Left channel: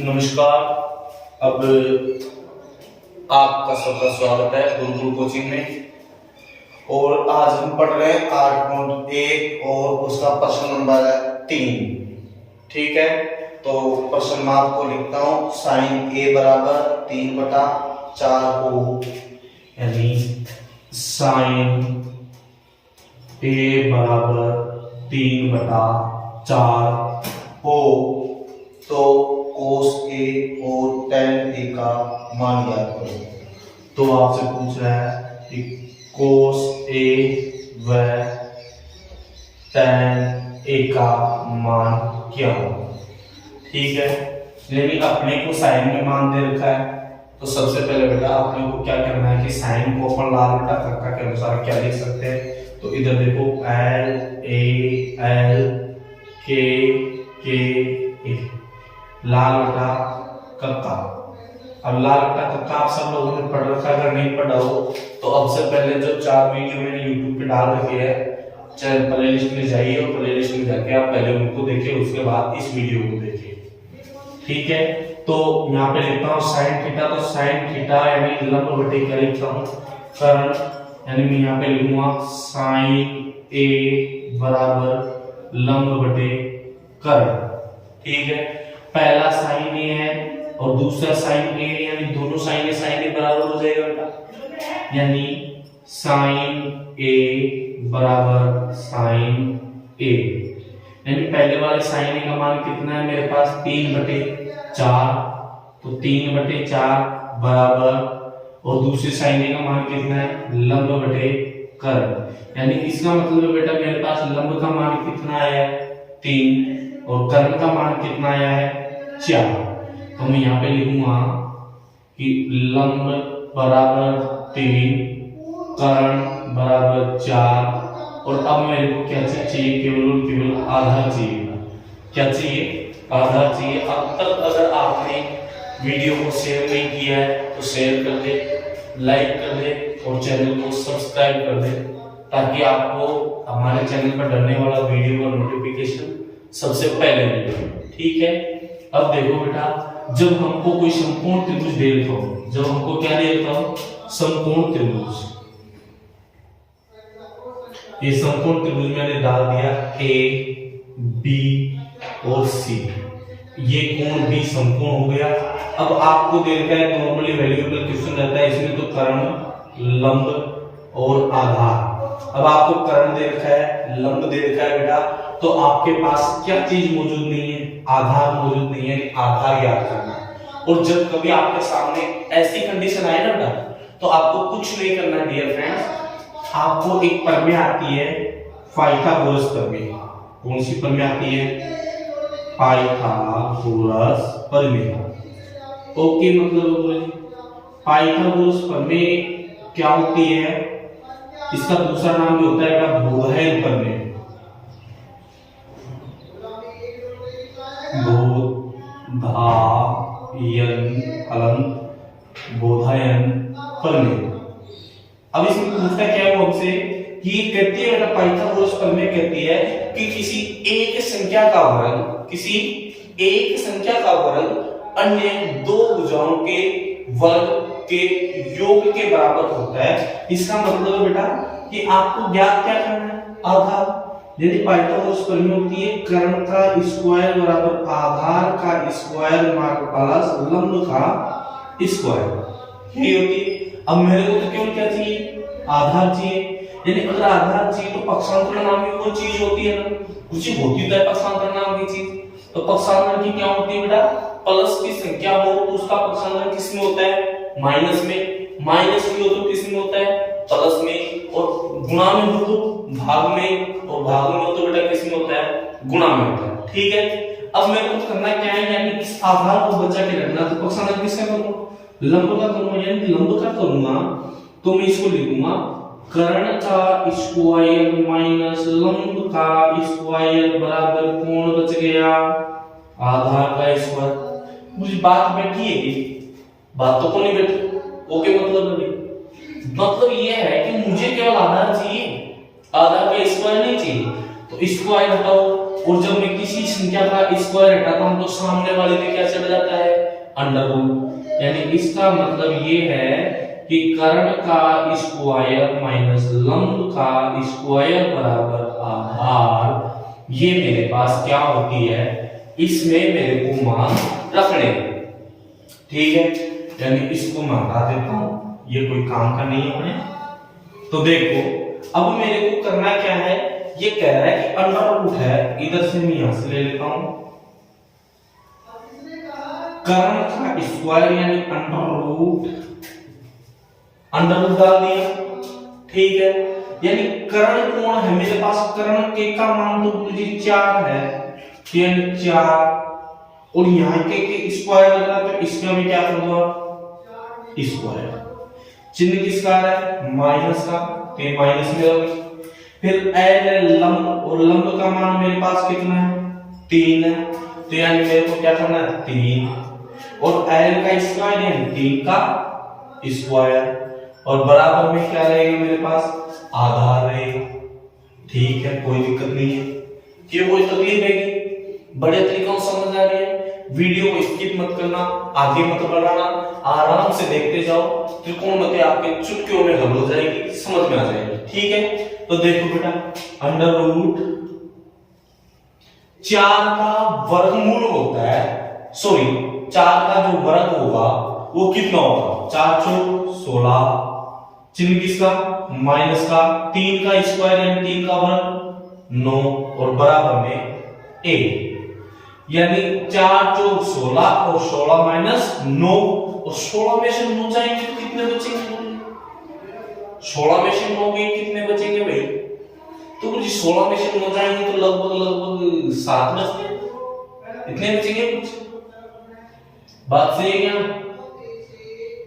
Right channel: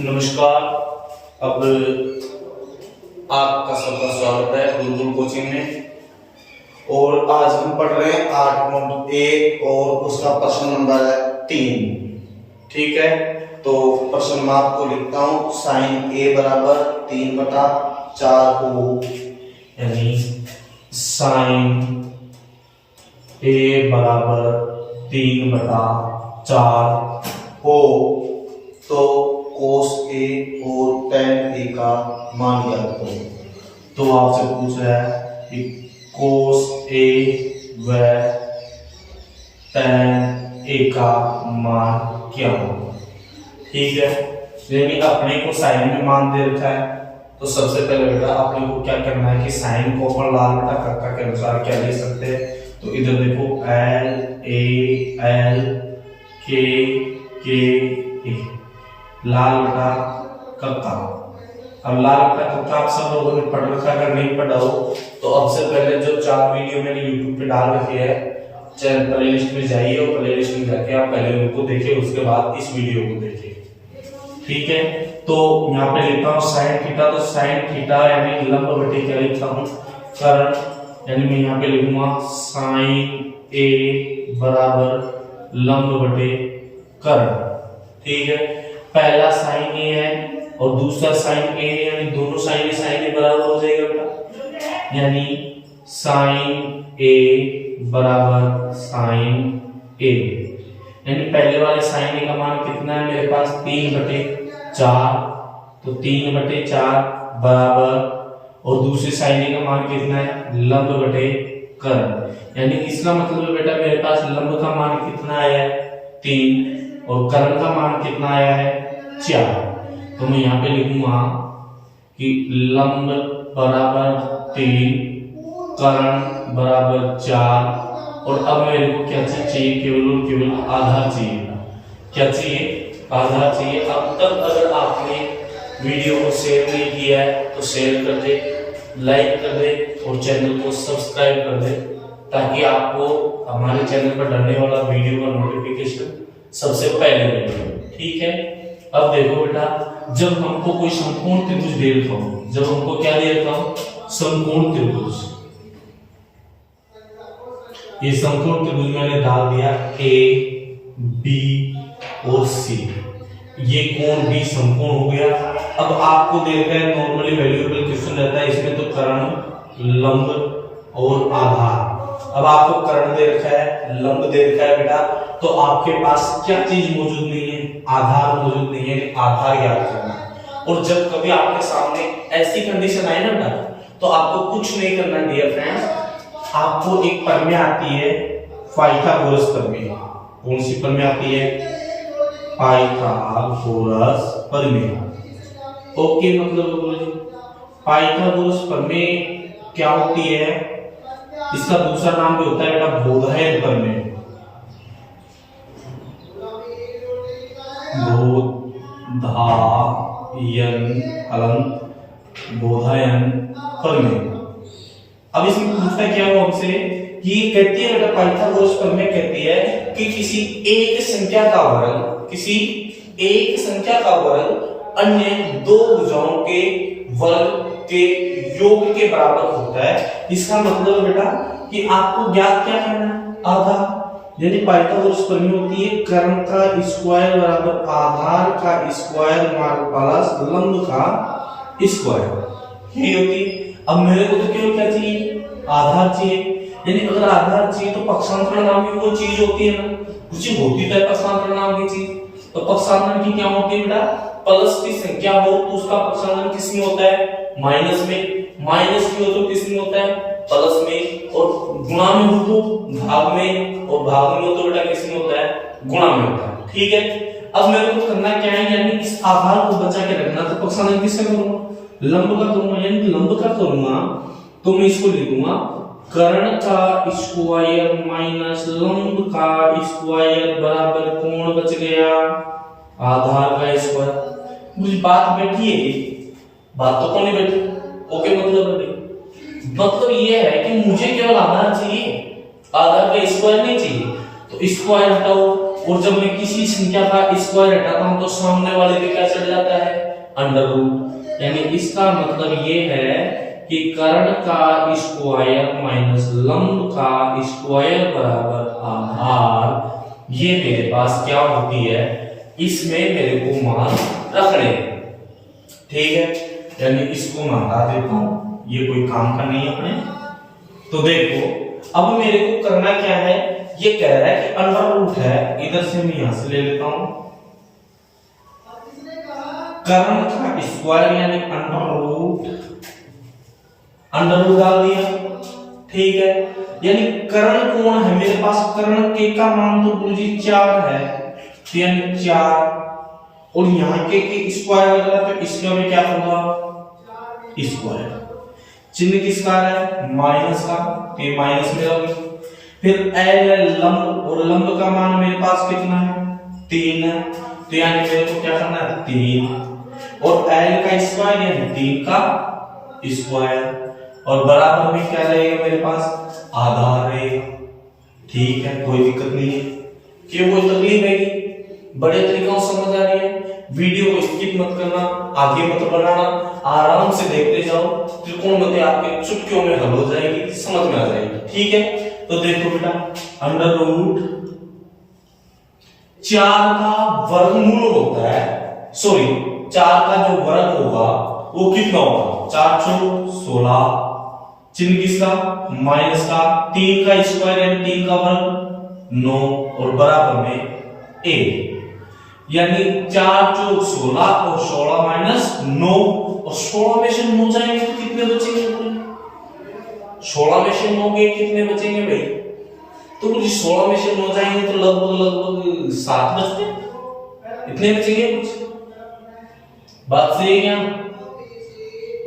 नमस्कार। अब आपका सबका स्वागत है गुरुकुल कोचिंग में। और आज हम पढ़ रहे हैं 8.1 और उसका प्रश्न नंबर है 3। ठीक है, तो प्रश्न में आपको लिखता हूं साइन ए बराबर 3/4 हो, यानी साइन ए बराबर 3/4 हो तो कोस ए और टेन ए का मान ज्ञात करो। तो आपसे पूछ रहा है कि कोस ए व टेन ए का मान क्या होगा। ठीक है, यानी अपने को साइन में मान दे रखा है, तो सबसे पहले बेटा अपने को क्या करना है कि साइन को अपन लाल बटा कक्का के अनुसार क्या ले सकते हैं। तो इधर देखो एल के ए, लाल बटा कक्का। अब लाल बटा कक्का आप सब लोगों ने पढ़ रखा, अगर नहीं पढ़ा हो तो अब से पहले जो 4 वीडियो मैंने YouTube पे डाल रखी है, चाहे प्ले लिस्ट में जाइए और प्ले लिस्ट में जाके आप पहले उनको देखिए, उसके बाद इस वीडियो को देखिए। ठीक है, तो यहाँ पे लिखता हूँ साइन थीटा। तो साइन थीटा यानी लंब बटे क्या लिखता हूँ, कर्ण, यानी मैं यहाँ पे लिखूंगा साइन ए बराबर लंब बटे कर्ण। ठीक है, पहला साइन ए है और दूसरा साइन ए है, यानी दोनों साइन ए बराबर हो जाएगा बेटा, यानी साइन ए बराबर साइन ए, यानी पहले वाले साइन ए का मान कितना है मेरे पास 3/4, तो 3/4 बराबर, और दूसरे साइन ए का मान कितना है लंब बटे कर्ण, यानी इसका मतलब बेटा मेरे पास लंब का मान कितना आया है 3 और कर्ण का मान कितना आया है 4। तो मैं यहाँ पे लिखूंगा कि लंब बराबर 3, कर्ण बराबर 4, और अब मेरे को क्या चाहिए, केवल और केवल आधार चाहिए। क्या चाहिए, आधार चाहिए। अब तक अगर आपने वीडियो को शेयर नहीं किया है तो शेयर कर दे, लाइक कर दे और चैनल को सब्सक्राइब कर दे, ताकि आपको हमारे चैनल पर डलने वाला वीडियो का नोटिफिकेशन सबसे पहले मिले। ठीक है, अब देखो बेटा, जब हमको कोई समकोण त्रिभुज दे रखा हो, जब हमको क्या दे रखा हो समकोण त्रिभुज, ये समकोण त्रिभुज मैंने डाल दिया ए बी और सी, ये कोण भी समकोण हो गया। अब आपको दे रखा है, नॉर्मली वैल्यूएबल क्वेश्चन रहता है इसमें, तो कर्ण, लंब और आधार। अब आपको कर्ण दे रखा है, लंब दे रखा है बेटा, तो आपके पास क्या चीज मौजूद नहीं है, आधार मौजूद नहीं है, आधार ज्ञात करना। और जब कभी आपके सामने ऐसी कंडीशन आए ना बेटा, तो आपको कुछ नहीं करना डियर फ्रेंड्स, आपको एक प्रमेय आती है पाइथागोरस प्रमेय। कौन सी प्रमेय आती है, पाइथागोरस प्रमेय। ओके, मतलब पाइथागोरस प्रमेय क्या होती है, इसका दूसरा नाम भी होता है बेटा बोधायन प्रमेय। बोधायन प्रमेय। अब इसमें पूछता क्या हो हमसे कि ये कहती है बेटा पाइथागोरस प्रमेय कहती है कि किसी एक संख्या का वर्ग, किसी एक संख्या का वर्ग अन्य दो भुजाओं के वर्ग के योग के बराबर होता है। इसका मतलब बेटा कि आपको ज्ञात क्या करना है, आधार। यदि पाइथागोरस प्रमेय होती है कर्ण का स्क्वायर बराबर आधार का स्क्वायर प्लस लंब का स्क्वायर, यही होती है। अब मेरे को तो केवल क्या चाहिए, आधार चाहिए। यानी अगर आधार चाहिए तो पक्षांतर नाम की वो चीज होती है ना, कुछ होती है पक्षांतर नाम की चीज। तो पक्षांतर की क्या होती है बेटा, प्लस की संख्या हो तो उसका पक्षांतर किस में होता है, माइनस में। माइनस की हो तो किस में होता है, प्लस में। और गुणा में हो तो भाग में, और भाग में हो तो बेटा किस में होता है, गुणा में होता है। ठीक है, अब मेरे को करना क्या है, यानी इस आधार को बचा के रखना। तो पक्षांतर किसका करूंगा, लंब का करूंगा। यानी लंब का करूंगा तो मैं इसको लिखूंगा कर्ण का स्क्वायर माइनस लंब का स्क्वायर बराबर कोण बच गया आधार का स्क्वायर। मुझे बात बैठी है, बात तो कौन बैठी। ओके, मतलब ये है कि मुझे केवल आधार चाहिए, आधार का स्क्वायर नहीं चाहिए। तो स्क्वायर हटाओ और जब मैं किसी संख्या का स्क्वायर हटाता हूं तो सामने वाले पे क्या चढ़ जाता है, अंडर रूट। यानी इसका मतलब ये है कि कर्ण का स्क्वायर माइनस लंब का स्क्वायर बराबर आधार। ये मेरे पास क्या होती है, इसमें मेरे को मान रखने, ठीक है। यानी इसको मैं हटा देता हूं, ये कोई काम का नहीं है अपने। तो देखो अब मेरे को करना क्या है, ये कह रहा है कि अंडर रूट है, इधर से मैं यहां से ले लेता हूं कर्ण का स्क्वायर यानी अंडर रूट डाल दिया, ठीक है। यानी कर्ण कोण है मेरे पास, कर्ण के का मान तो गुरुजी 4 है, यानी 4 और यहां के स्क्वायर लग रहा है तो इसका मैं क्या करूंगा, स्क्वायर। चिन्ह किसका है, माइनस का, तो ये माइनस में होगी। फिर एल लंब, और लंब का मान मेरे पास कितना है, 3 है, तो यानी मेरे को क्या करना है 3, और एल का स्क्वायर यानी 3 का स्क्वायर, और बराबर में क्या रहेगा मेरे पास, आधार रहेगा, ठीक है। कोई दिक्कत नहीं है, क्यों कोई तकलीफ है, बड़े तरीकों से समझ आ रही है। वीडियो को स्किप मत करना, आगे मत बढ़ाना, आराम से देखते जाओ, त्रिकोणमिति आपके चुटकियों में हल हो जाएगी, समझ में आ जाएगी, ठीक है। तो देखो बेटा, अंडर रूट 4 का वर्गमूल होता है, सॉरी 4 का जो वर्ग होगा वो कितना होगा, 4 चौक 16, चिन्ह किसका, माइनस का, 3 का स्क्वायर यानी 3 का वर्ग 9, और बराबर में a, यानी 4 चौक 16 और 16 माइनस 9, और 16 में से 9 जाएंगे तो कितने बचेंगे, 16 में से 9 के कितने बचेंगे भाई, तो कुछ 16 में से 9 जाएंगे तो लगभग 7 बचते हैं, इतने बचेंगे कुछ। बात सही है क्या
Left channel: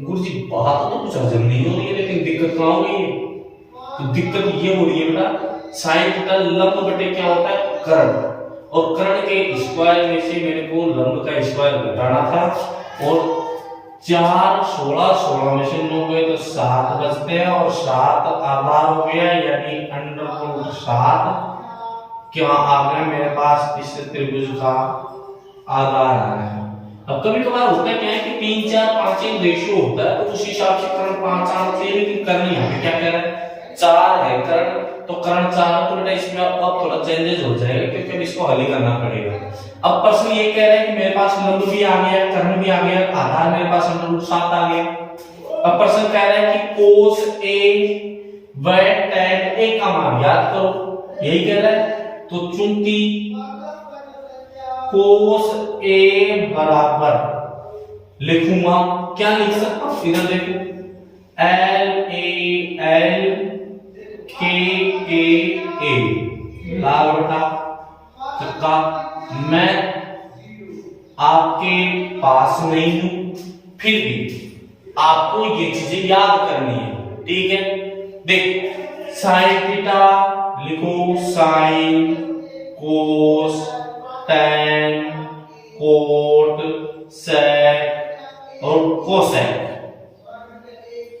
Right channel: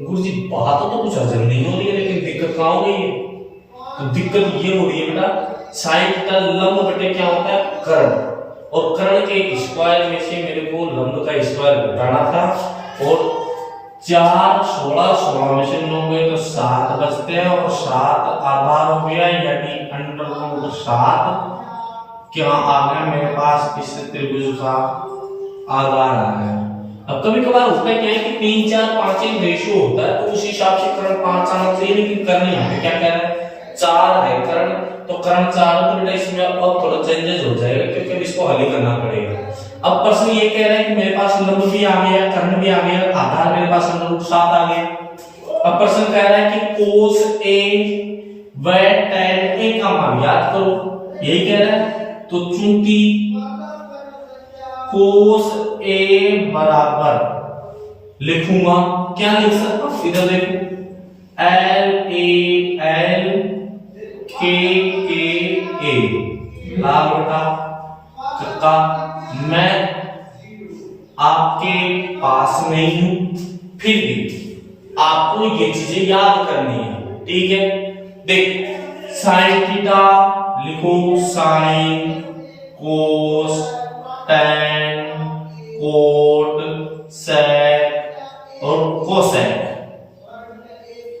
गुरुजी, बात तो कुछ हजम नहीं हो रही है, लेकिन दिक्कत कहां हो रही है, तो दिक्कत ये हो रही है बेटा, साइन थीटा लंब बटे क्या होता है, कर्ण, और कर्ण के स्क्वायर में से मेरे को लंब का स्क्वायर घटाना था, और 4 16 16 में से 9 गए तो 7 बचते हैं, और 7 आधार हो गया, यानी अंडर रूट 7 क्या आ गया मेरे पास, इस त्रिभुज का आधार आ गया। अब कभी कभार होता है क्या है कि 3 4 5 एक रेशियो होता है, तो उस हिसाब से कर्ण 5 आना चाहिए, लेकिन कर्ण यहाँ पे क्या कह रहा है, 4 है कर्ण, तो कर्ण 4, तो बेटा इसमें अब थोड़ा चेंजेस हो जाएगा, क्योंकि अब इसको हल ही करना पड़ेगा। अब प्रश्न ये कह रहा है कि मेरे पास लंब भी आ गया, कर्ण भी आ गया, आधार मेरे पास अंडर रूट 7 आ गया। अब प्रश्न कह रहा है कि cos a व tan a का मान याद करो, यही कह रहा है। तो चूंकि cos a बराबर लिखूंगा, क्या लिख सकता हूं, इधर देखो l a l k k a, लाल बटा चक्का। मैं आपके पास नहीं हूं, फिर भी आपको ये चीजें याद करनी है, ठीक है। देख साइन थीटा लिखो, साइन, कोस, टैन, कोट, सेक और कोसेक,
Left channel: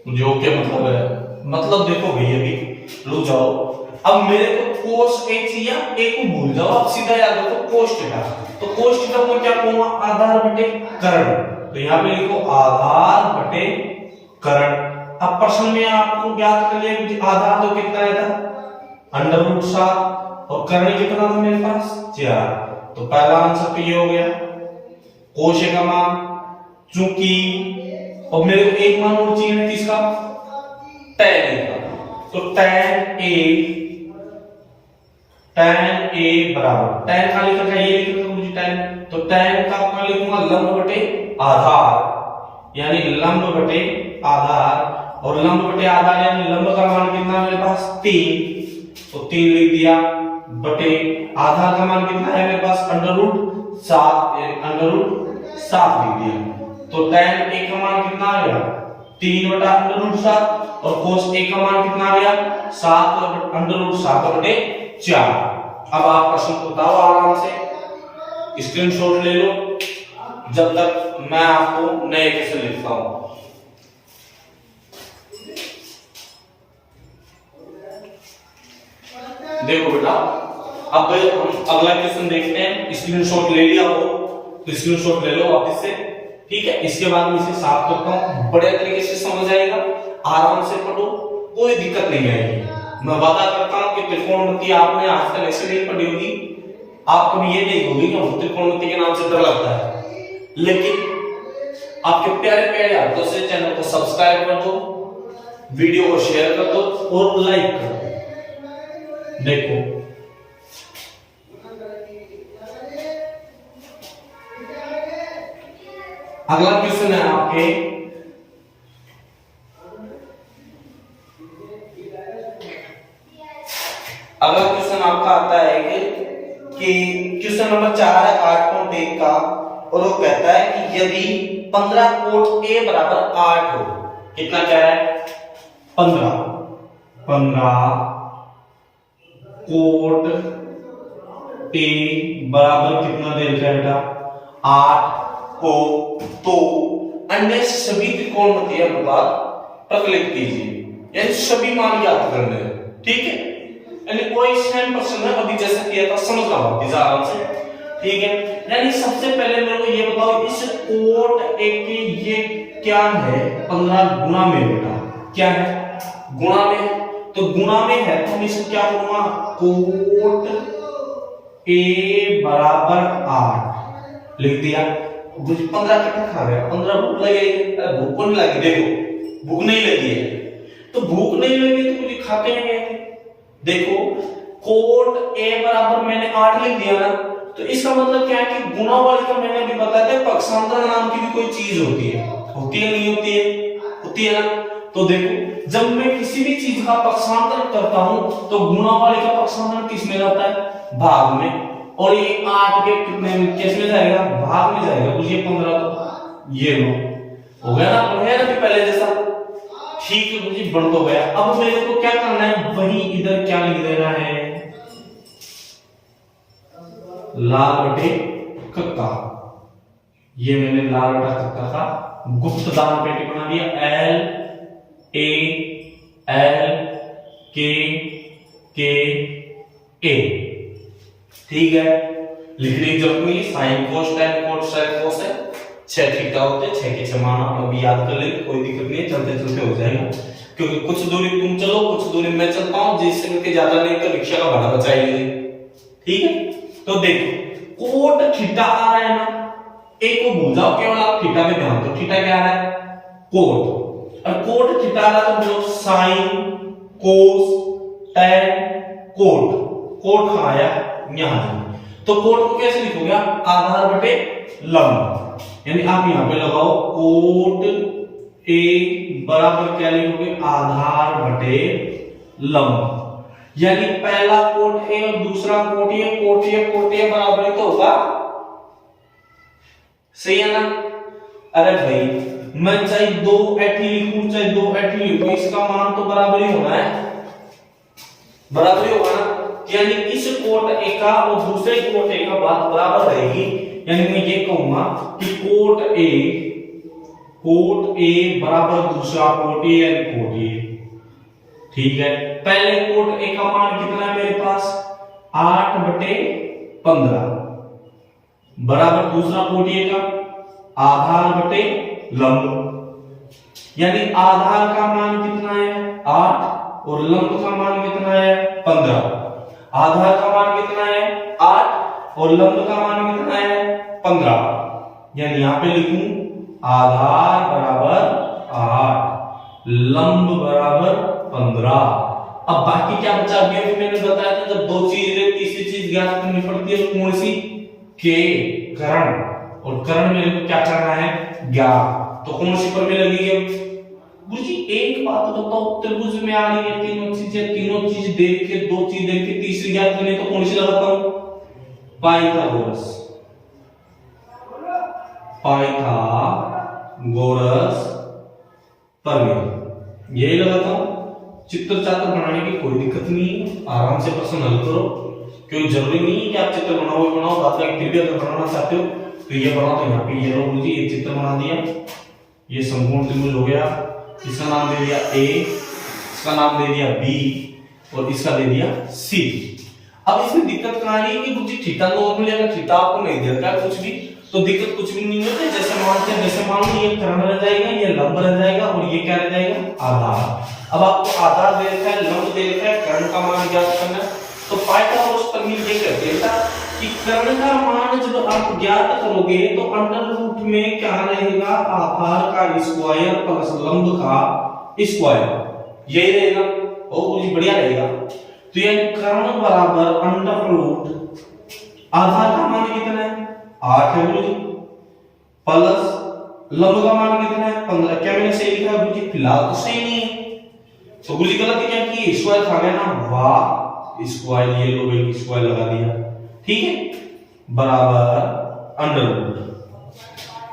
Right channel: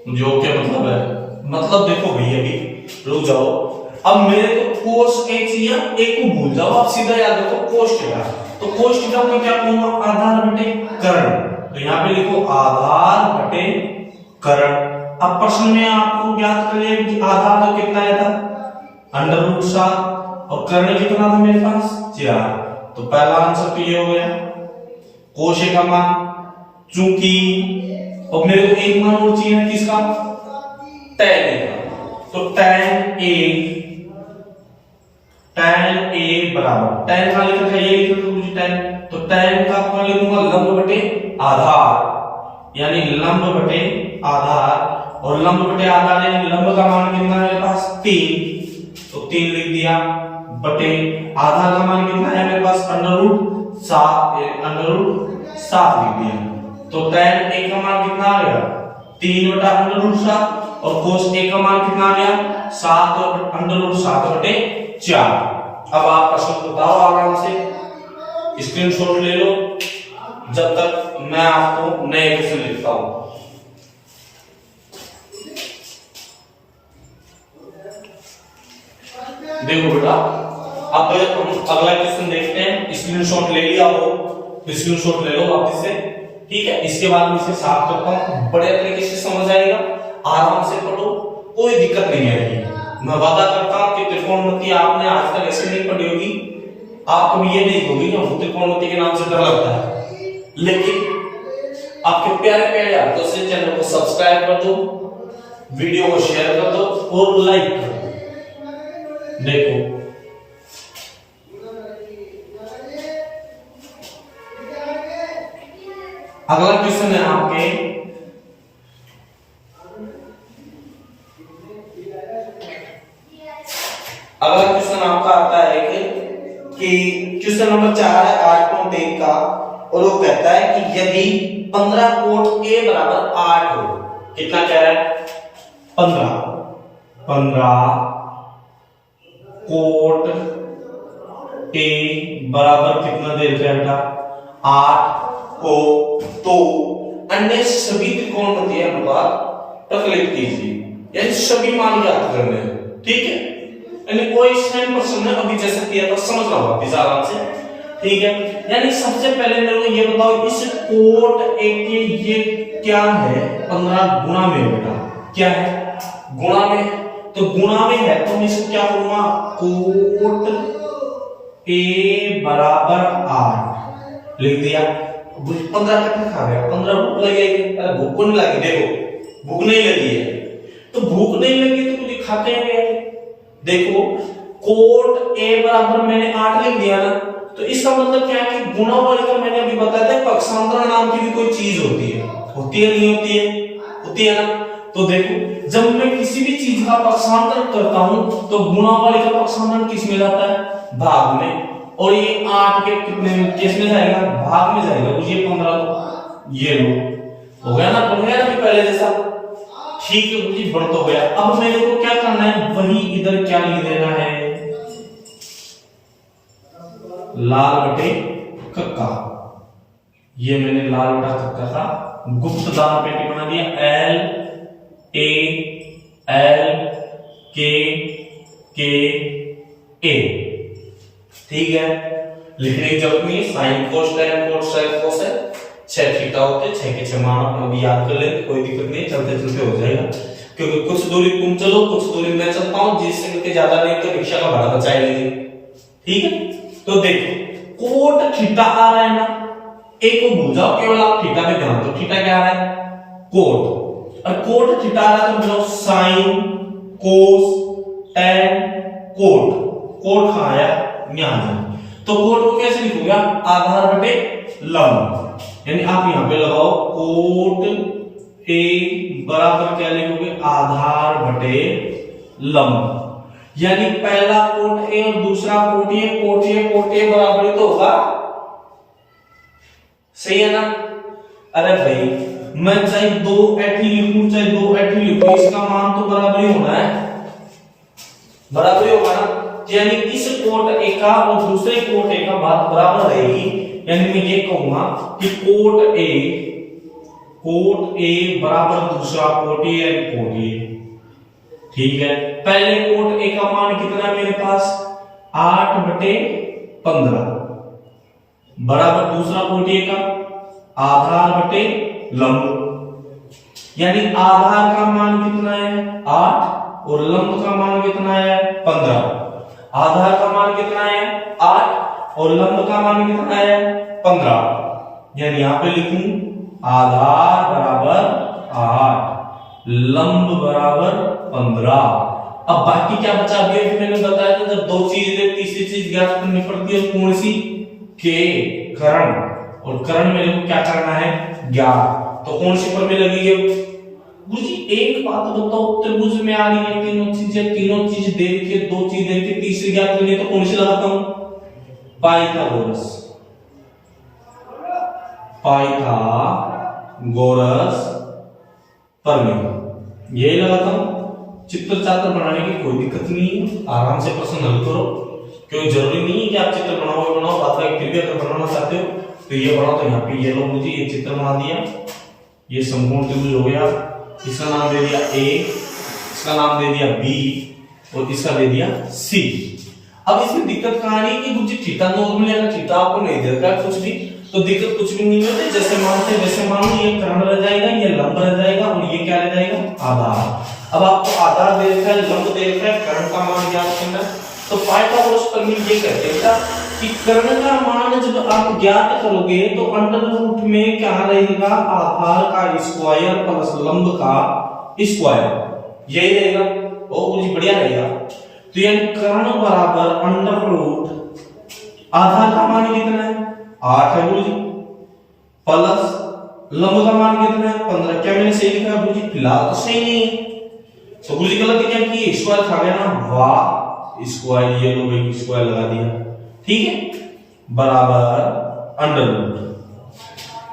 जो क्या मतलब है, मतलब देखो भैया अभी रुक जाओ, अब मेरे को कोस a चाहिए, a को भूल जाओ, अब सीधा याद रखो कोस थीटा, तो कोस थीटा को क्या कहूंगा, आधार बटे कर्ण, तो यहां पे लिखो आधार बटे कर्ण। अब प्रश्न में आपको याद करना है कि आधार तो कितना आया था, अंडर रूट 7, और कर्ण कितना था मेरे पास 4, तो पहला आंसर तो ये हो गया कोस a का मान, चूंकि अब मेरे को एक मान और चाहिए किसका, tan a का, तो tan a बराबर, tan का लिखा था ये लिखो तो मुझे tan, तो tan का कौन लिखूंगा, लंब बटे आधार, यानी लंब बटे आधार, और लंब बटे आधार यानी लंब का मान कितना है मेरे पास 3, तो 3 लिख दिया, बटे आधार का मान कितना है मेरे पास अंडर रूट 7, अंडर रूट 7 लिख दिया, तो tan a का मान कितना आ गया 3 बटा अंडर रूट 7, और cos a का मान कितना आ गया 7 अंडर रूट 7 बटे 4। अब आप प्रश्न बताओ आराम से, स्क्रीनशॉट ले लो, जब तक मैं आपको नए क्वेश्चन लिखता हूं। देखो बेटा अब हम अगला क्वेश्चन देखते हैं। स्क्रीनशॉट ले लिया हो तो स्क्रीनशॉट ले लो वापस से, ठीक है। इसके बाद मैं इसे साफ करता हूं, बढ़िया तरीके से समझ आएगा, आराम से पढ़ो, कोई दिक्कत नहीं आएगी। मैं वादा करता हूं कि त्रिकोणमिति आपने आज तक ऐसे नहीं पढ़ी होगी, आप कभी ये नहीं होगी कि त्रिकोणमिति के नाम से डर लगता है, लेकिन आपके प्यारे प्यारे हाथों से चैनल को सब्सक्राइब कर दो, वीडियो को शेयर कर दो और लाइक कर दो। देखो अगला क्वेश्चन है आपके, अगला क्वेश्चन आपका आता है कि क्वेश्चन नंबर 4 है 8.1 का, और वो कहता है कि यदि 15 कोट A बराबर 8 हो, कितना क्या है 15 कोट A बराबर कितना दे रखा है बेटा 8 हो, तो अन्य सभी त्रिकोणमितीय अनुपात प्रकलित कीजिए, यानी सभी मान ज्ञात करने हैं, ठीक है। यानी कोई सेम प्रश्न है अभी जैसा किया था, समझ लो वापस आराम से, ठीक है। यानी सबसे पहले मेरे को ये बताओ इस कोट A के ये क्या है 15 गुणा में बेटा, क्या है गुणा में, तो गुणा में है तो मैं इसको क्या करूंगा कोट A बराबर 8 लिख दिया। 15 कितना खा गया 15 भूख लगेगी, अरे भूख को नहीं लगी, देखो भूख नहीं लगी है, तो भूख नहीं लगी तो कुछ खा के गए। देखो कोट A बराबर मैंने 8 लिख दिया ना, तो इसका मतलब क्या है कि गुणा वाले का मैंने अभी बताया था पक्षांतर नाम की भी कोई चीज होती है नहीं होती है, होती है ना। तो देखो जब मैं किसी भी चीज का पक्षांतर करता हूं तो गुणा वाले का पक्षांतर किस में जाता है भाग में, और ये 8 के कितने में किस में जाएगा भाग में जाएगा, तो ये 15 तो ये लो हो गया ना, बढ़िया ना पहले जैसा, ठीक है मुझे बढ़ तो गया। अब मेरे को क्या करना है वही इधर क्या लिख देना है लाल बटे कक्का, ये मैंने लाल बटा कक्का का गुप्त दान पेटी बना दिया, L A L K K A, ठीक है। लिखने की जरूरत नहीं, साइन कोस tan कोस sin कोस है 6 थीटा होते हैं, 6 के 6 मान अभी याद कर ले, कोई दिक्कत नहीं है, चलते चलते हो जाएगा, क्योंकि कुछ दूरी तुम चलो कुछ दूरी मैं चलता हूं, जिससे कि ज्यादा नहीं तो रिक्शा का भाड़ा बचाए लीजिए, ठीक है। तो देखो कोट थीटा आ रहा है ना, एक को भूल जाओ, केवल आप थीटा में ध्यान दो, थीटा क्या आ रहा है कोट, और कोट थीटा आ रहा है तो बताओ sine cos tan cot, cot कहां आया यहां, तो कोट को कैसे लिखोगे आधार बटे लंब, यानी आप यहां पे लगाओ कोट A बराबर क्या लिखोगे आधार बटे लंब, यानी पहला कोट A और दूसरा कोट A बराबर ही तो होगा, सही है ना। अरे भाई मैं चाहे 2 ऐठी लिखूं चाहे 2 ऐठी लिखूं, इसका मान तो बराबर ही होना है, बराबर ही होगा ना, यानी इस कोट A का और दूसरे कोट A का बात बराबर रहेगी, यानी मैं ये कहूंगा कि कोट A बराबर दूसरा कोट A यानी कोट A, ठीक है। पहले कोट A का मान कितना है मेरे पास 8 बटे 15 बराबर दूसरा कोट A का आधार बटे लंब, यानी आधार का मान कितना है 8 और लंब का मान कितना है 15, आधार का मान कितना है 8 और लंब का मान कितना है 15, यानी यहां पे लिखूं आधार बराबर 8 लंब बराबर 15। अब बाकी क्या बचा दिया, फिर मैंने बताया था जब दो चीजें तीसरी चीज ज्ञात करनी पड़ती है, कौन सी के कर्ण, और कर्ण मेरे को क्या करना है ज्ञात, तो कौन सी पर में लगेगी मुझे एक बात बताओ, त्रिभुज में आ रही है तीनों चीज देख के, दो चीज देख के तीसरी ज्ञात करनी, तो कौन सी लगाता हूं पाइथागोरस प्रमेय, यही लगाता हूं। चित्र चात्र बनाने की कोई दिक्कत नहीं है, आराम से प्रश्न हल करो, क्योंकि जरूरी नहीं है कि आप चित्र बनाओ बात में, फिर भी अगर बनाना चाहते हो तो ये बनाओ, तो यहाँ पे ये लो मुझे ये चित्र बना दिया, ये संपूर्ण त्रिभुज हो गया, इसका नाम दे दिया A, इसका नाम दे दिया B और इसका दे दिया C। अब इसमें दिक्कत कहाँ आ रही है कि गुरुजी थीटा नॉर्मली अगर थीटा आपको नहीं दे रखा कुछ भी तो दिक्कत कुछ भी नहीं होती। जैसे मानते हैं, जैसे मान लो ये कर्ण रह जाएगा, ये लंब रह जाएगा और ये क्या रह जाएगा, आधार। अब आपको आधार दे रखा है, लंब दे रखा है, कर्ण का मान ज्ञात करना है। तो पाइथागोरस प्रमेय ये कहते हैं कि कर्ण का मान जब आप ज्ञात करोगे तो अंडर रूट में क्या रहेगा, आधार का स्क्वायर प्लस लंब का स्क्वायर, यही रहेगा। बहुत बढ़िया रहेगा। तो ये कर्ण बराबर अंडर रूट आधार का मान कितना है, 8 है गुरुजी, प्लस लंब का मान कितना है, 15। क्या मैंने सही लिखा गुरुजी? फिलहाल तो सही नहीं है, तो गुरुजी गलती क्या की, स्क्वायर था गया ना, वाह स्क्वायर, ये लोग एक स्क्वायर लगा दिया, ठीक है, बराबर अंडर रूट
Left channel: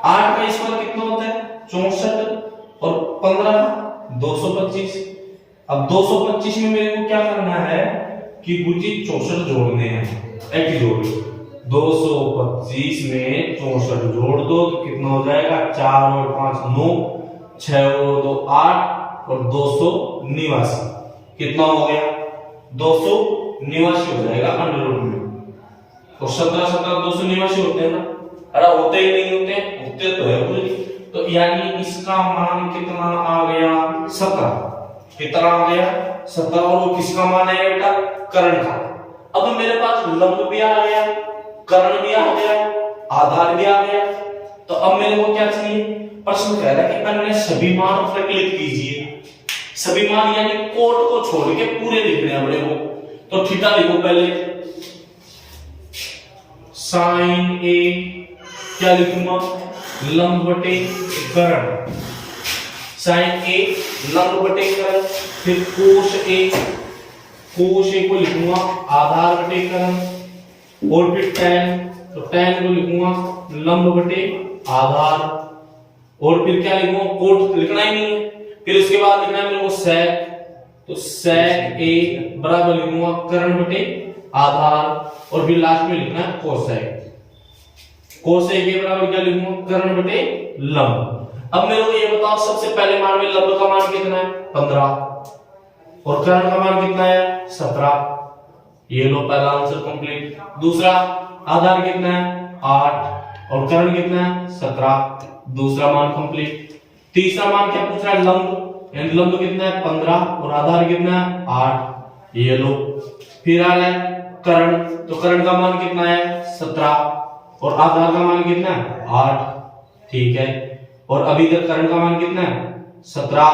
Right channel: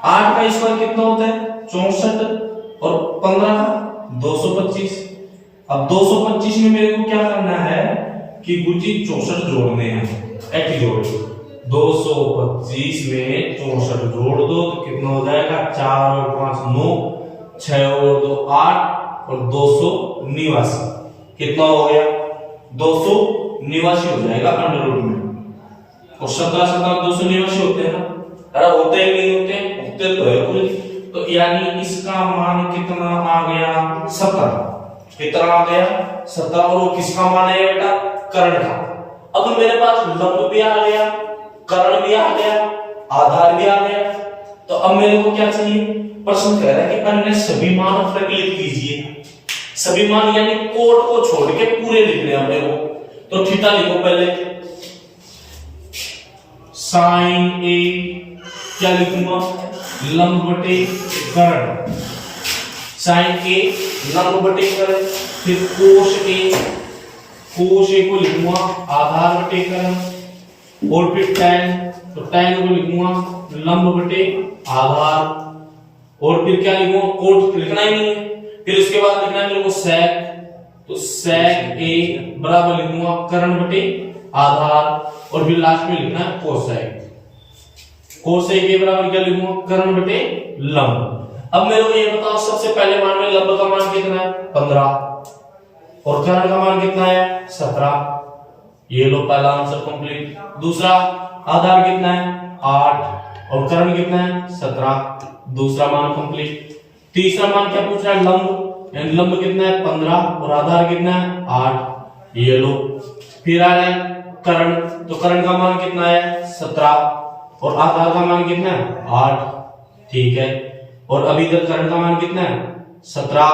8 का स्क्वायर कितना होता है, 64 और 15 का 225। अब 225 में मेरे को क्या करना है कि गुरुजी 64 जोड़ने हैं, एक जोड़ 225 में 64 जोड़ दो तो कितना हो जाएगा, 4 और 5 9, 6 और 2 8 और 289, कितना हो गया, 289 हो जाएगा अंडर रूट में। और 17 17 289 होते हैं ना, अरे होते ही नहीं होते, होते तो है पूरी। तो यानी इसका मान कितना आ गया, 17। कितना आ गया, 17। और वो किसका मान है बेटा, कर्ण का। अब मेरे पास लंब भी आ गया, कर्ण भी आ गया, आधार भी आ गया। तो अब मेरे को क्या चाहिए, प्रश्न कह रहा है कि अन्य सभी मान प्रकलित कीजिए। सभी मान यानी कोट को छोड़ के पूरे लिखने हैं अपने को। तो थीटा लिखो पहले, साइन ए क्या लिखूंगा, लंब बटे कर्ण, साइन ए लंब बटे कर्ण। फिर कोस ए को लिखूंगा आधार बटे कर्ण। और फिर टैन, तो टैन को लिखूंगा लंब बटे आधार। और फिर क्या लिखूंगा, कोट लिखना ही नहीं है। फिर उसके बाद लिखना है मेरे को सेक, तो सेक ए बराबर लिखूंगा कर्ण बटे आधार। और फिर लास्ट में लिखना है कोसेक, कोसेक ए बराबर क्या लिखूंगा, कर्ण बटे लंब। अब मेरे को ये बताओ, सबसे पहले मान में लंब का मान कितना है, 15 और कर्ण का मान कितना है, 17। ये लो पहला आंसर कंप्लीट। दूसरा आधार कितना है, 8 और कर्ण कितना है, 17, दूसरा मान कंप्लीट। तीसरा मान क्या पूछ रहा है, लंब, यानी लंब कितना है, 15 और आधार कितना है, 8, ये लो। फिर आ रहा है कर्ण, तो कर्ण का मान कितना है, 17 और आधार का मान कितना है, 8, ठीक है। और अभी तक कर्ण का मान कितना है, 17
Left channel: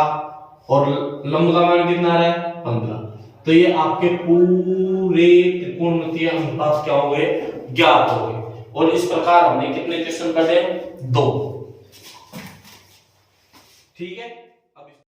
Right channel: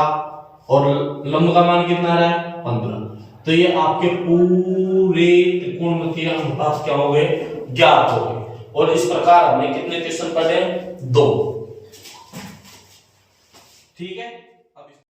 और लंब का मान कितना आ रहा है, 15। तो ये आपके पूरे त्रिकोणमितीय अनुपात क्या हो गए, ज्ञात हो गए। और इस प्रकार हमने कितने क्वेश्चन पढ़े, 2, ठीक है।